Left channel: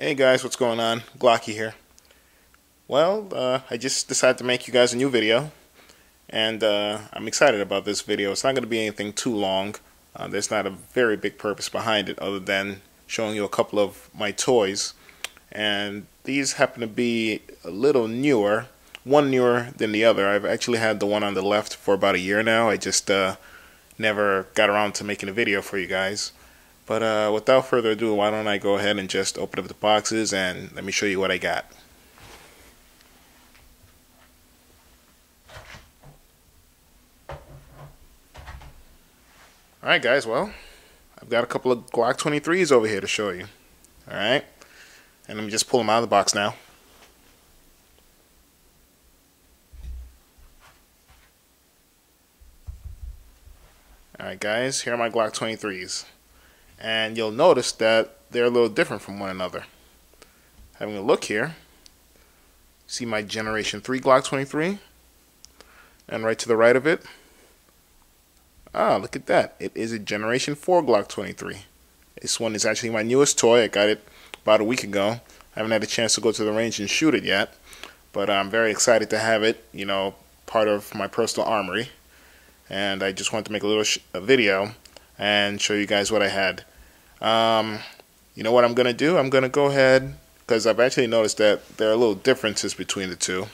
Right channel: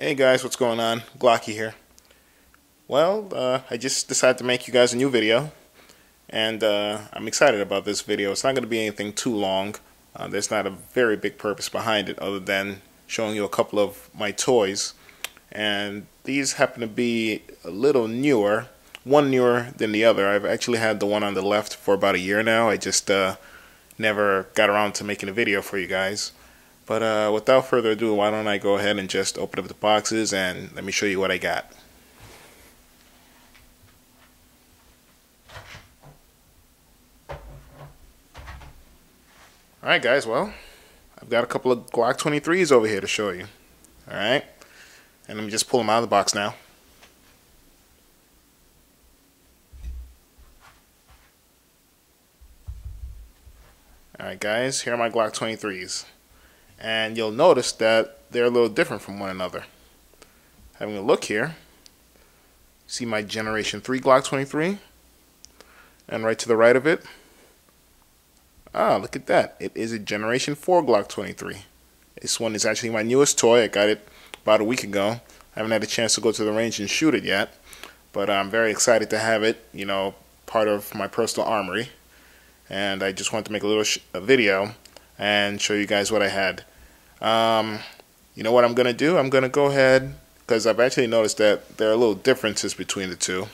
Hey guys, what's going on? Glocky here. Well, I just decided to make you guys a new video, and I'm excited about this video. It's not going to be anything too long. There's not a very big purpose behind it other than showing you a couple of my toys. And these happen to be a little newer, one newer than the other. I've actually had the one on the left for about a year now. I just never got around to making a video for you guys. But without further ado, why don't I go ahead and just open up the boxes and let me show you what I got. Alright guys, well, I've got a couple of Glock 23's over here to show you. Alright, and let me just pull them out of the box now. Alright guys, here are my Glock 23's. And you'll notice that they're a little different from one another. Having a look here, see my Generation 3 Glock 23, and right to the right of it, look at that, it is a Generation 4 Glock 23. This one is actually my newest toy. I got it about a week ago. I haven't had a chance to go to the range and shoot it yet, but I'm very excited to have it, you know, part of my personal armory. And I just wanted to make a little video and show you guys what I had. You know what I'm gonna do? I'm gonna go ahead, because I've actually noticed that there are little differences between the two,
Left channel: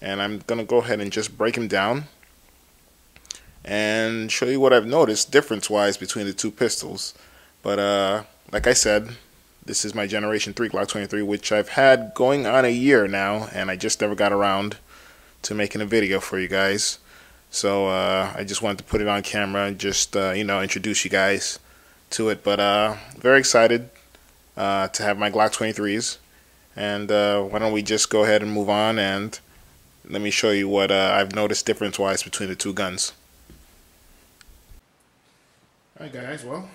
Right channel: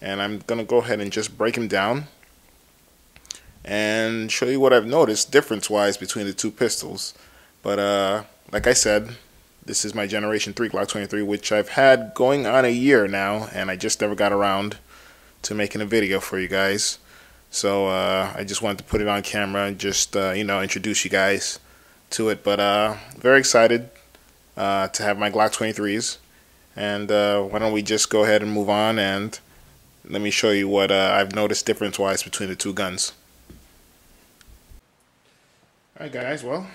and I'm gonna go ahead and just break them down and show you what I've noticed difference wise between the two pistols. But like I said, this is my Generation 3 Glock 23, which I've had going on a year now, and I just never got around to making a video for you guys. So I just wanted to put it on camera and just you know, introduce you guys to it. But very excited to have my Glock 23's, and why don't we just go ahead and move on and let me show you what I've noticed difference wise between the two guns. Alright guys, well,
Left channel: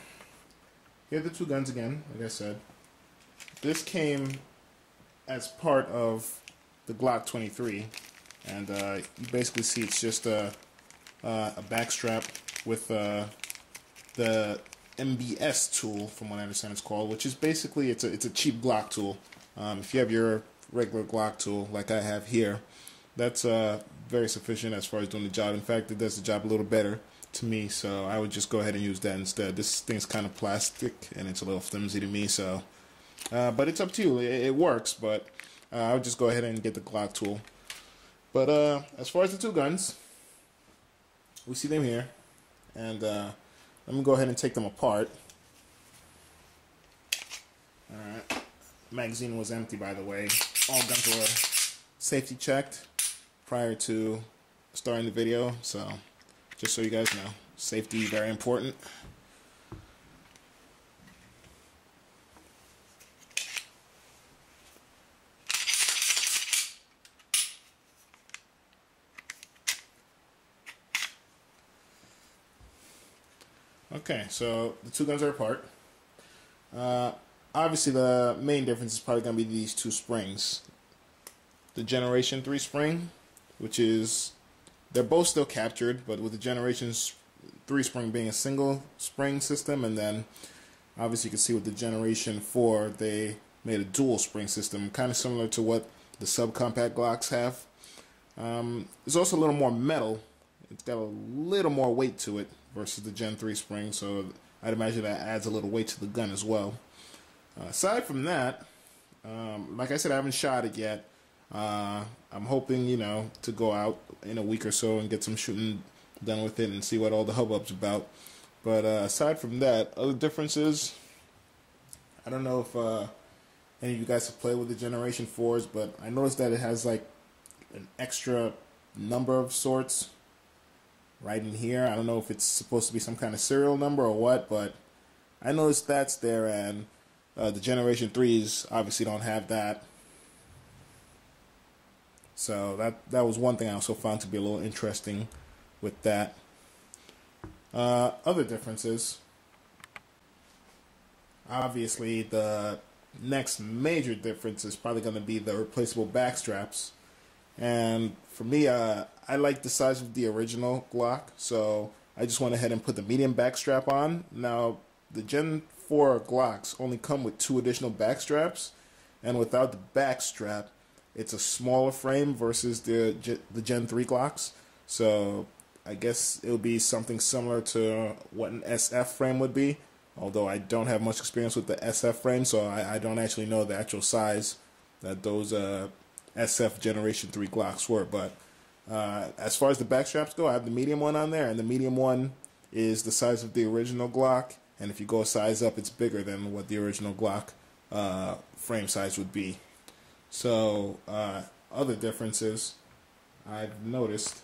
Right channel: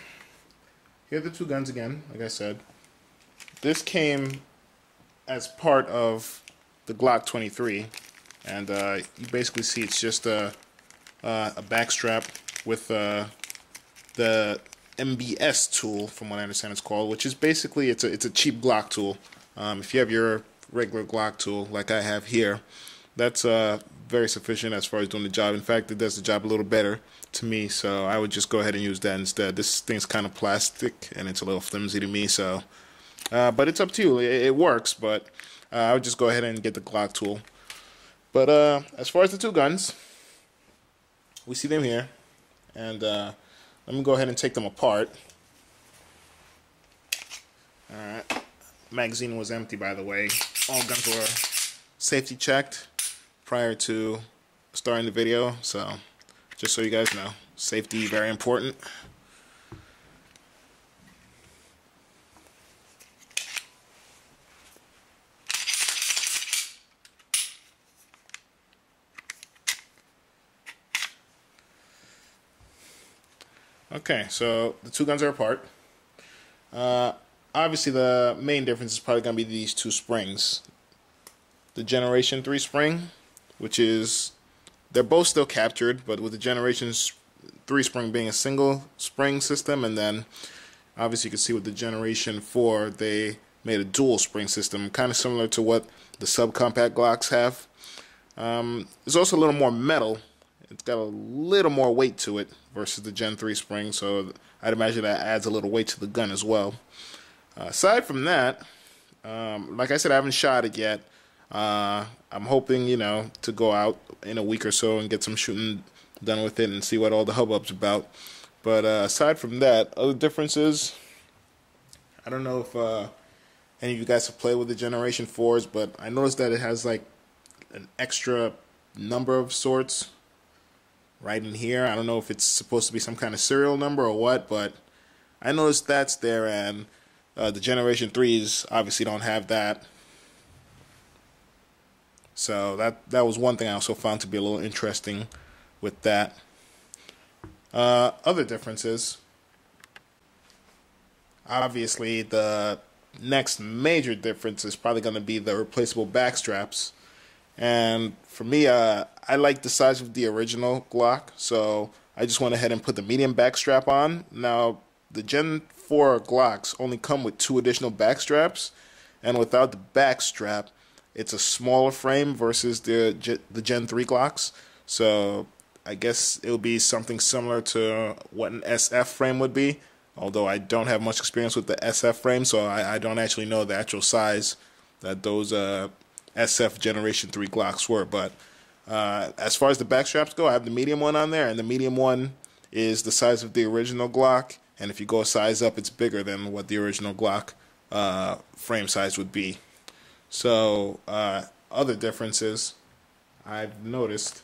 here are the two guns again. Like I said, this came as part of the Glock 23, and you basically see it's just a back strap with the MBS tool, from what I understand it's called, which is basically it's a cheap Glock tool. If you have your regular Glock tool like I have here, that's very sufficient as far as doing the job. In fact, it does the job a little better to me, so I would just go ahead and use that instead. This thing's kind of plastic and it's a little flimsy to me, so but it's up to you. It works, but I would just go ahead and get the Glock tool. But as far as the two guns, we see them here, and let me go ahead and take them apart. Alright, magazine was empty, by the way. All guns were safety checked prior to starting the video, so just so you guys know, safety very important. Okay, so the two guns are apart. Obviously, the main difference is probably going to be these two springs. The Generation 3 spring, which is, they're both still captured, but with the Generation 3 spring being a single spring system, and then obviously you can see with the Generation 4, they made a dual spring system, kind of similar to what the subcompact Glocks have. There's also a little more metal. It's got a little more weight to it versus the Gen 3 spring, so I'd imagine that adds a little weight to the gun as well. Aside from that, like I said, I haven't shot it yet. I'm hoping, you know, to go out in a week or so and get some shooting done with it and see what all the hubbub's about. But aside from that, other differences, I don't know if any of you guys have played with the Generation 4s, but I noticed that it has like an extra number of sorts right in here. I don't know if it's supposed to be some kind of serial number or what, but I noticed that's there, and the Generation 3s obviously don't have that. So that was one thing I also found to be a little interesting with that. Other differences, obviously the next major difference is probably going to be the replaceable back straps. And for me, I like the size of the original Glock, so I just went ahead and put the medium back strap on. Now, the Gen 4 Glocks only come with 2 additional back straps, and without the back strap, it's a smaller frame versus the Gen 3 Glocks. So I guess it would be something similar to what an SF frame would be, although I don't have much experience with the SF frame, so I don't actually know the actual size that those SF Generation 3 Glocks were. But as far as the back straps go, I have the medium one on there, and the medium one is the size of the original Glock, and if you go a size up, it's bigger than what the original Glock frame size would be. So other differences I've noticed,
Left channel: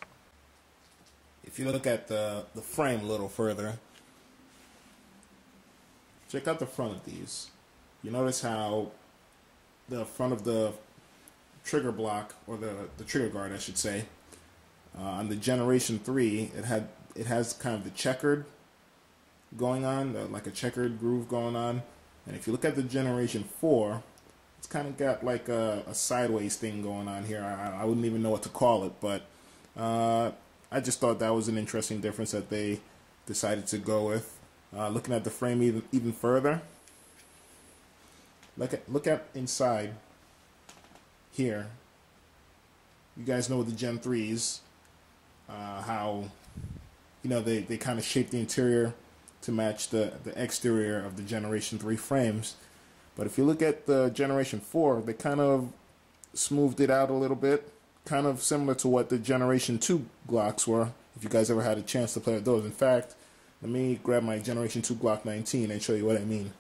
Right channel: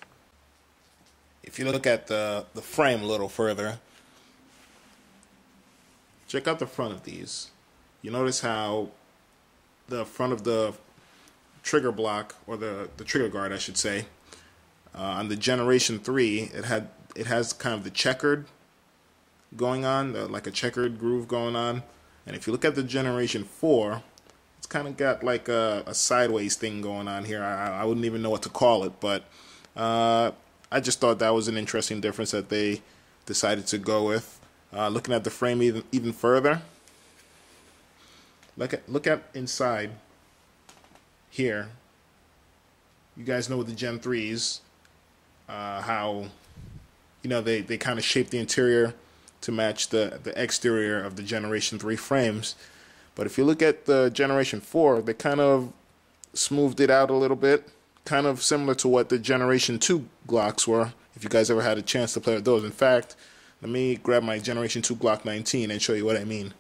if you look at the frame a little further, check out the front of these. You notice how the front of the trigger block, or the trigger guard I should say, on the Generation 3, it has kind of the checkered going on, like a checkered groove going on. And if you look at the Generation 4, it's kind of got like a sideways thing going on here. I wouldn't even know what to call it, but I just thought that was an interesting difference that they decided to go with. Looking at the frame even further, look at inside here. You guys know with the Gen 3s, how they kind of shape the interior to match the exterior of the Generation 3 frames. But if you look at the Generation 4, they kind of smoothed it out a little bit, kind of similar to what the Generation 2 Glocks were, if you guys ever had a chance to play with those. In fact, let me grab my Generation 2 Glock 19 and show you what I mean.